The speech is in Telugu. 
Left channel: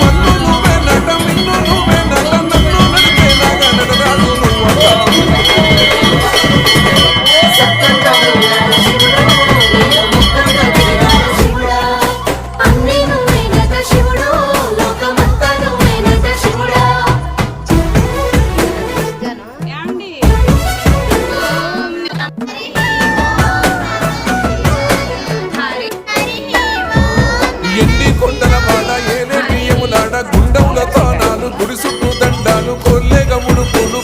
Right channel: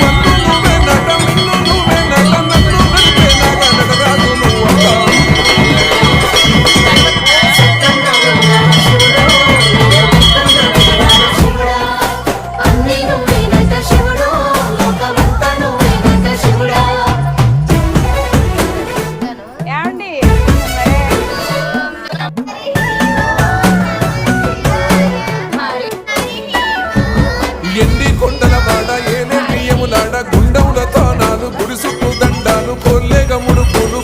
మన్ను నువ్వే నట మిన్ను నువ్వే నట నన్ను నడిపే నాగా నటరాజు నువ్వట ఎండి కొండల వాడ ఏలే బియ్యములాడ గుండముల తానాలు గుడి చుట్టూ దండాలు కొల్లేగ ముడుపులు